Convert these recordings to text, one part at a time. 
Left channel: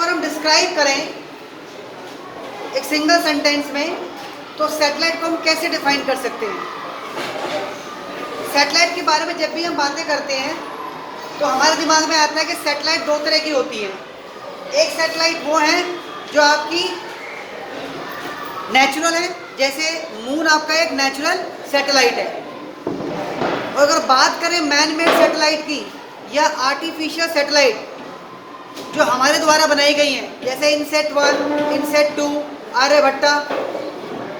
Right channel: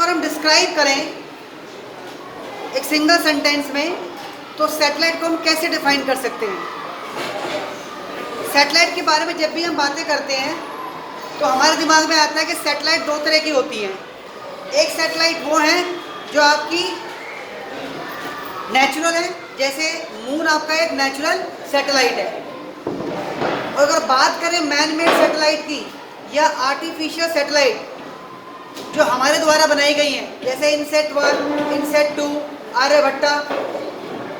अगर हम डिस्क्राइब करें एक सिंगल सेंटेंस में, तो सैटेलाइट को हम कैसे डिफाइन कर सकते हैं? सैटेलाइट के बारे में जब भी हम बातें करते हैं तो हमारे दिमाग में आता है कि सैटेलाइट दो तरह की होती है। एक सैटेलाइट वो है जो आपकी नेचुरल है, जैसे मून आपका एक नेचुरल सैटेलाइट है। और अगर बात करें मैन मेड सैटेलाइट की या आर्टिफिशियल सैटेलाइट जो हमारे द्वारा बनाई गई हैं, जैसे इनसेट 1, इनसेट 2, आर्यभट्टा,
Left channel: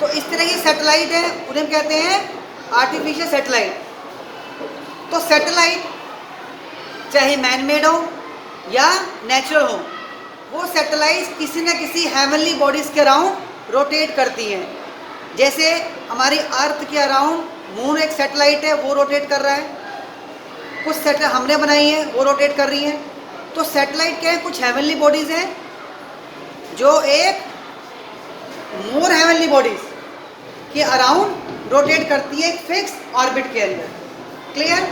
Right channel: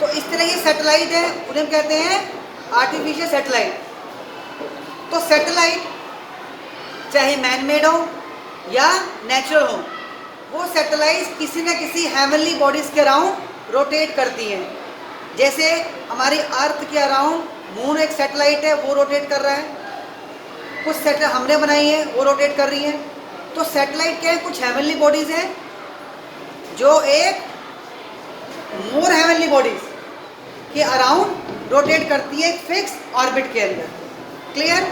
तो इस तरह की सैटेलाइट है, उन्हें कहते हैं आर्टिफिशियल सैटेलाइट। तो सैटेलाइट चाहे मैन मेड हो या नेचुरल हो, वो सैटेलाइट किसी न किसी हेवनली बॉडीज़ के अराउंड रोटेट करती हैं। जैसे हमारी अर्थ के अराउंड मून एक सैटेलाइट है, वो रोटेट कर रहा है। कुछ सैटेलाइट हमने बनाई है, वो रोटेट कर रही हैं। तो सैटेलाइट क्या है? कुछ हेवनली बॉडीज़ हैं जो एक मोर हेवनली बॉडीज़ के अराउंड रोटेट करती है एक फिक्स ऑर्बिट के अंदर। क्लियर?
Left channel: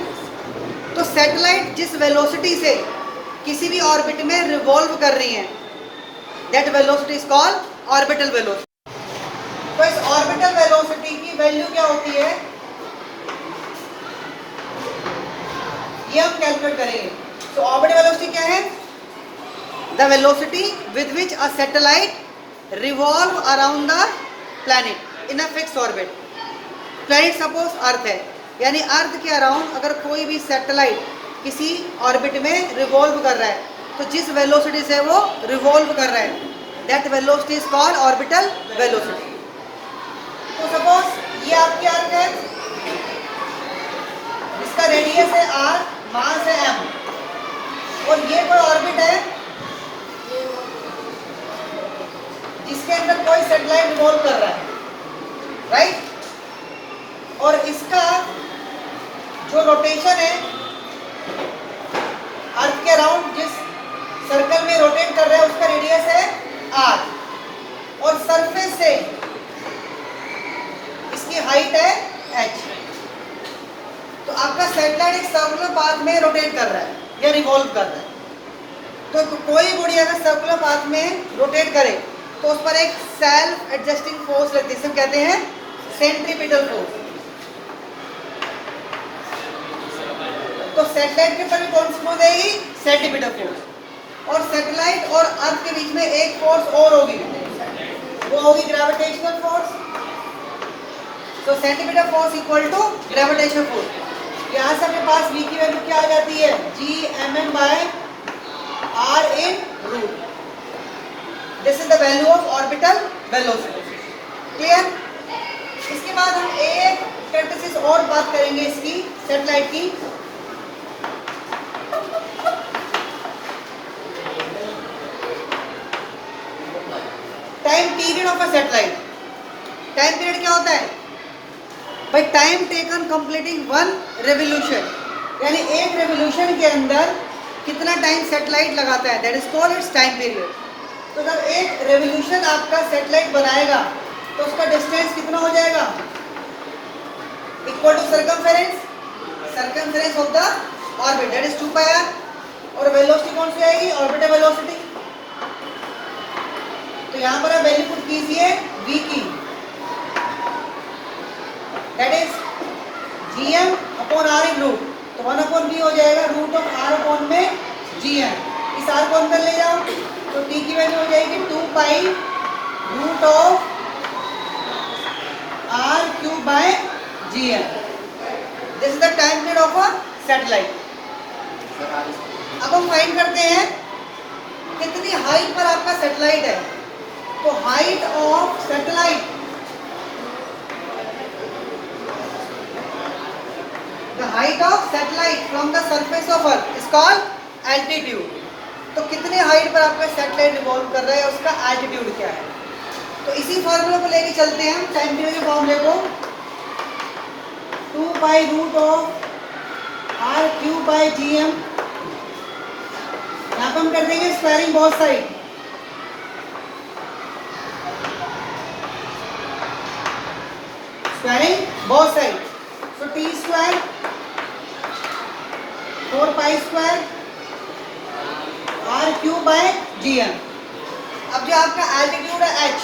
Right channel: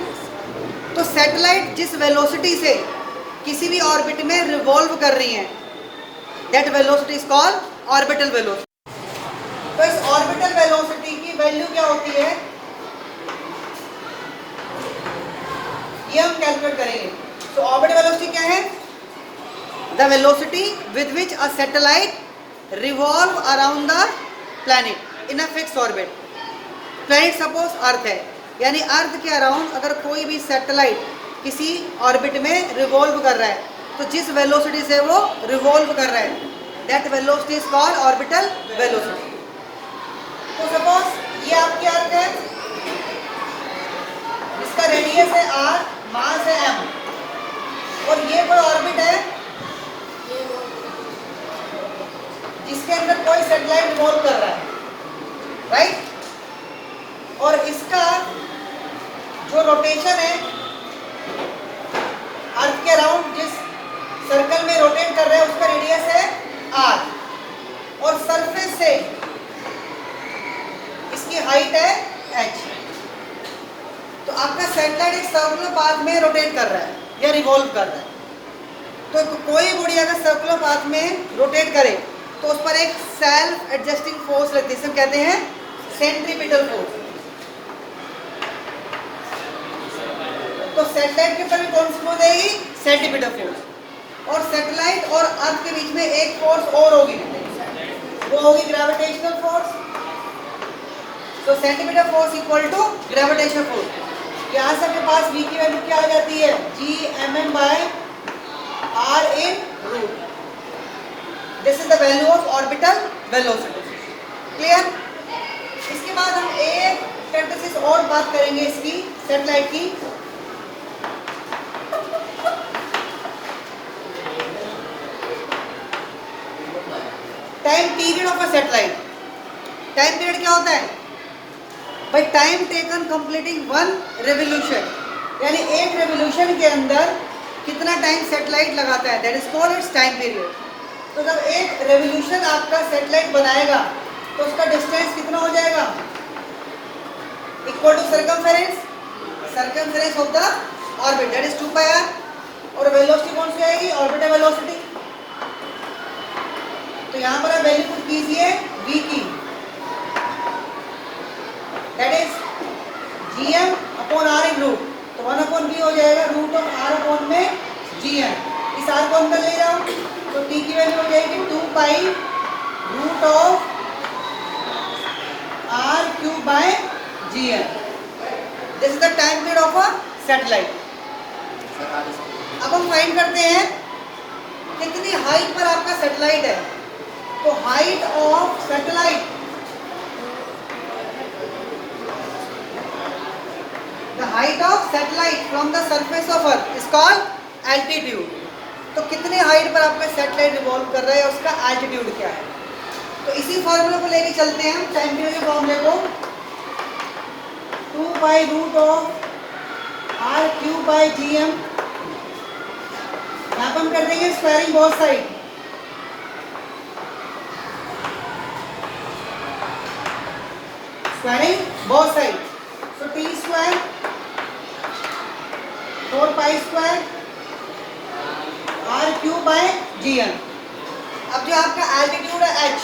तो सैटेलाइट जिस वेलोसिटी से किसी भी ऑर्बिट में रिवॉल्व कर रही है, that velocity is called orbital velocity. तो इस ऑर्बिटल वेलोसिटी की वैल्यू क्या होती है, ये हम कैलकुलेट करेंगे। तो ऑर्बिटल वेलोसिटी क्या है? The velocity with which a satellite revolve around the planet in a fix orbit. Planet suppose earth है, यानी अर्थ के अराउंड अगर कोई भी सैटेलाइट किसी ऑर्बिट में रिवॉल्व कर रहा है, तो जिस वेलोसिटी से वो रिवॉल्व कर रहा है, that velocity is called orbital velocity. तो सपोज ये आपकी अर्थ है, इसका रेडियस है r, मास है m, और ये कोई ऑर्बिट है जिसके अंदर कोई सैटेलाइट रिवॉल्व कर रहा है, राइट? और इसका जो रोटेशन है अर्थ के अराउंड जिस सर्कल में रोटेट कर रहा है, उसका रेडियस है r, और सरफेस से इसकी हाइट है h। तो आपका सैटेलाइट एक सर्कुलर पाथ में रोटेट कर रहा है या रिवॉल्व कर रहा है। तो कोई बॉडी अगर सर्कुलर पाथ में रोटेट करे तो उस पर एक सेल्फ एडजस्टिंग फोर्स लगती है, जिसे कहते हैं सेंट्रीपिटल फोर्स। तो सैटेलाइट के ऊपर कौन सी फोर्स आएगी? Centripetal force. और सैटेलाइट और अर्थ के बीच में एक फोर्स और होगी, वो होगी ग्रेविटेशनल फोर्स। तो centripetal force equal to gravitational force. यहाँ से आपके पास v की वैल्यू क्या आ जाती है? Gmm by r in root. This is the value of orbital velocity. Clear? इसके बाद हम एक स्टैटिस्टिक्स और बात करेंगे इसकी, सैटेलाइट की। Time period of a satellite. Time period क्या होता है? By time taken completing one revolution, यानी एक रेवोल्यूशन के अंदर कितना टाइम सैटेलाइट लगाता है, that is called its time period. तो जब एक रेवोल्यूशन आपका सैटेलाइट बनाएगा तो उसका डिस्टेंस कितना हो जाएगा? Equal to circumference of the orbit, that is 2 pi r। और वेलोसिटी कौन सी आएगी? Orbital velocity. तो यहाँ पर आप वैल्यू पुट कीजिए v की, that is gm upon r in root. तो 1 अपॉन v हो जाएगा रूट ऑफ r अपॉन में gm। इस r को अंदर ले जाओ तो t की वैल्यू हो जाएगी 2 pi root of r cube by gm। This is the time period of a satellite. अब हम फाइंड करते हैं कितनी हाइट पर आपका सैटेलाइट है। तो height of satellite, the height of satellite from the surface of earth is called altitude। तो कितने हाइट पर आपका सैटेलाइट रिवॉल्व कर रहा है, उसका एल्टीट्यूड क्या है। तो इसी फॉर्मूला को लेके चलते हैं हम टाइम पीरियड के फॉर्मूले को। 2 by root of r cube by gm। यहाँ पर हम कर देंगे squaring both side. Squaring both side, तो t square 4 pi square r cube by gm। अब जो आपका एल्टीट्यूड है h,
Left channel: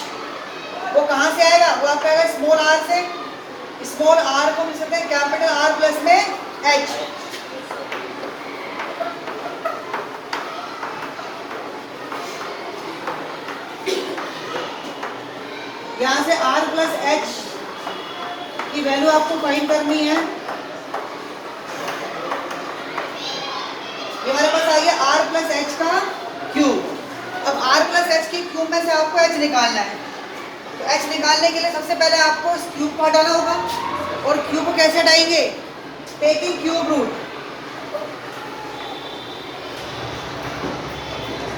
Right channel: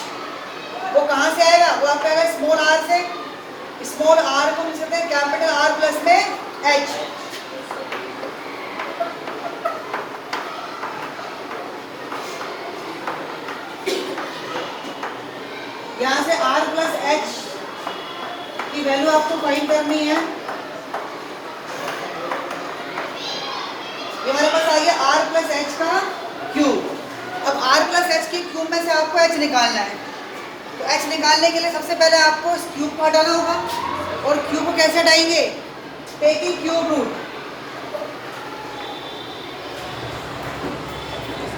वो कहाँ से आएगा? वो आपका आएगा स्मॉल r से। स्मॉल r को मिल सकते हैं कैपिटल R प्लस में h। यहाँ से r प्लस h की वैल्यू आपको फाइंड करनी है। ये हमारे पास आ गया r प्लस h का क्यूब। अब r प्लस h के क्यूब में से आपको h निकालना है। तो h निकालने के लिए सबसे पहले आपको इस क्यूब को हटाना होगा। और क्यूब को कैसे हटाएंगे? Taking cube root.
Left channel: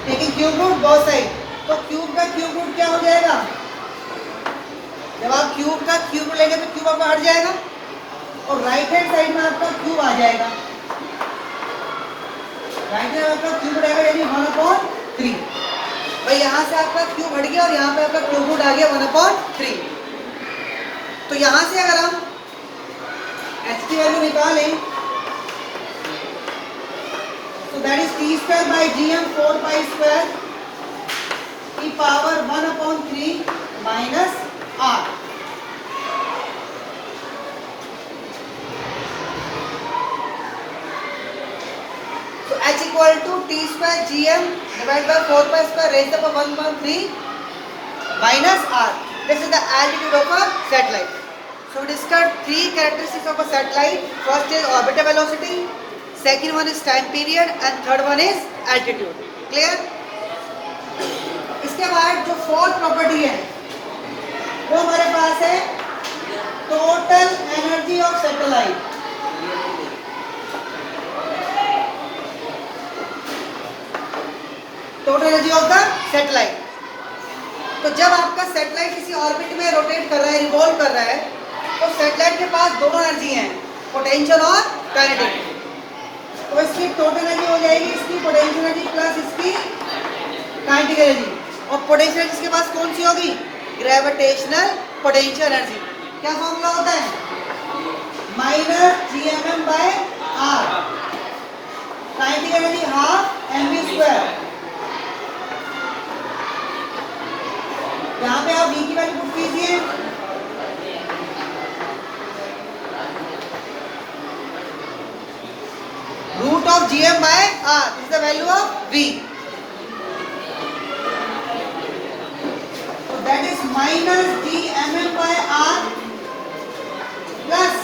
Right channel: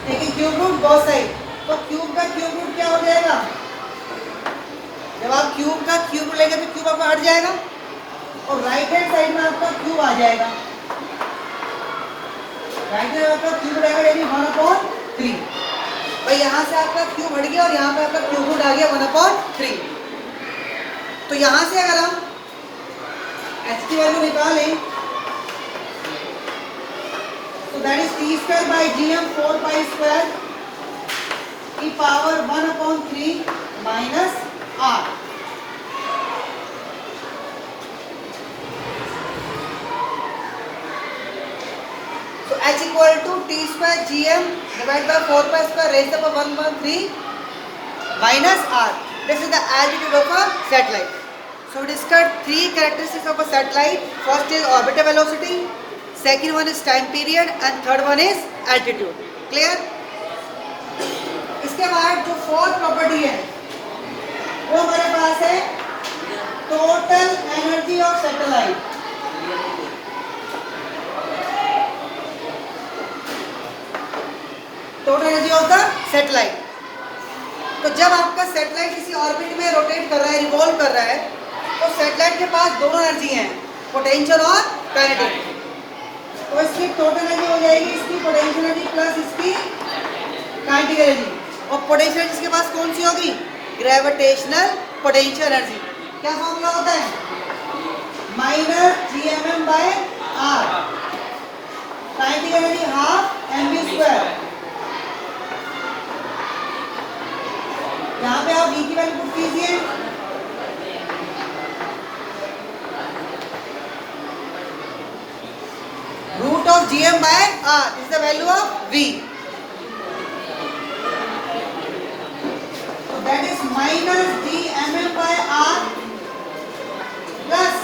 Taking cube root both side. तो क्यूब का क्यूब रूट क्या हो जाएगा? जब आप क्यूब का क्यूब लेंगे तो क्यूब आपका हट जाएगा और राइट हैंड साइड में आपका क्यूब आ जाएगा। राइट हैंड आपका क्यूब रहेगा यानी 1/3। भाई यहाँ से आपका क्यूब हट गया और यहाँ पे आपका क्यूब रूट आ गया 1/3। तो यहाँ से अगर हम h की वैल्यू निकालें तो that is t square by gm 4 pi square की power 1/3 minus r। So h equal to t square gm divided by 4 pi square raised to 1/3 minus r. This is the altitude of a satellite. So we discussed three characteristics of a satellite. First is orbital velocity, second one is time period, and third one is altitude. Clear? इसके बाद जो fourth property है वो हमारे पास है total energy of satellite. Total energy of the satellite. तो जब आपका सैटेलाइट किसी ऑर्बिट में रोटेट कर रहा है, रिवॉल्व कर रहा है, तो सैटेलाइट के पास दोनों एनर्जी हैं, पोटेंशियल और काइनेटिक। तो इसकी टोटल एनर्जी हो जाएगी इसकी पोटेंशियल एनर्जी प्लस इसकी काइनेटिक एनर्जी। और पोटेंशियल एनर्जी इसके पास कौन सी होगी? Gravitational potential energy. क्या फॉर्मूला होता है? Minus GMM by R। Kinetic energy half mv square. यहाँ पे आप v की वैल्यू पुट कीजिए। Root of GM by R is the value of v। That is minus GMM by R plus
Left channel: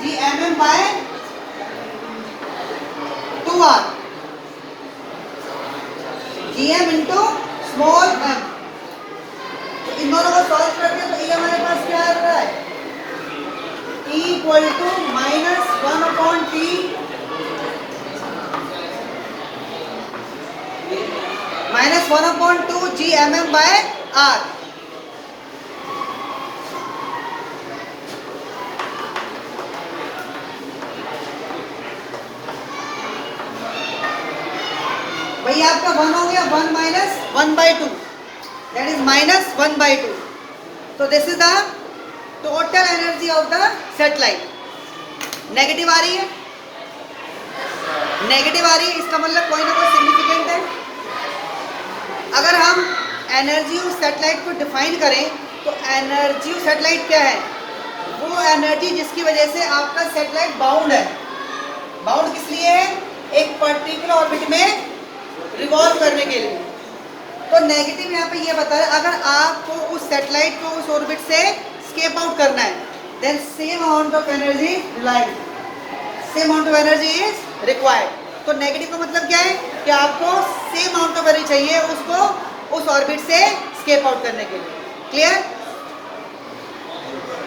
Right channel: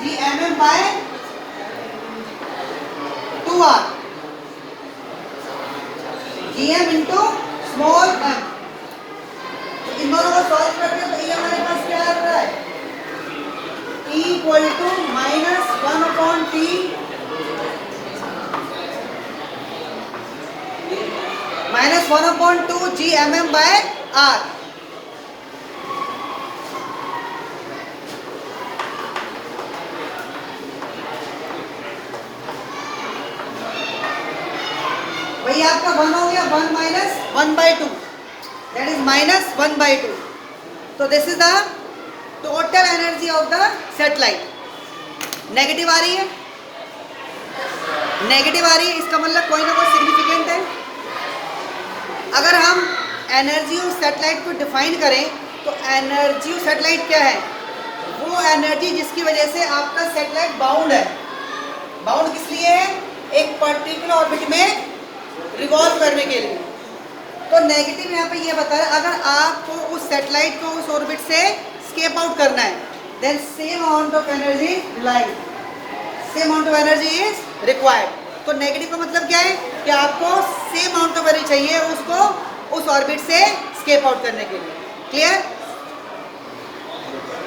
GMM by 2R। GM into small m। तो इन दोनों को solve करके तो ये हमारे पास क्या आ रहा है? E equal to minus 1/t minus 1/2 GMM by R। वही आपका 1 हो गया, 1 माइनस 1/2 दैट इज माइनस 1/2। तो this is the total energy of the satellite. Negative आ रही है, नेगेटिव आ रही है, इसका मतलब कोई ना कोई सिग्निफिकेंट है। अगर हम एनर्जी ऑफ सैटेलाइट को डिफाइन करें तो एनर्जी ऑफ सैटेलाइट क्या है? वो एनर्जी जिसकी वजह से आपका सैटेलाइट बाउंड है। बाउंड किस लिए है? एक पर्टिकुलर ऑर्बिट में रिवॉल्व करने के लिए। तो नेगेटिव यहाँ पे ये बता रहा है अगर आपको उस सैटेलाइट को उस ऑर्बिट से स्केप आउट करना है then same amount of energy relied, same amount of energy is required. तो नेगेटिव का मतलब क्या है कि आपको सेम अमाउंट ऑफ एनर्जी चाहिए उसको उस ऑर्बिट से स्केप आउट करने के लिए। क्लियर?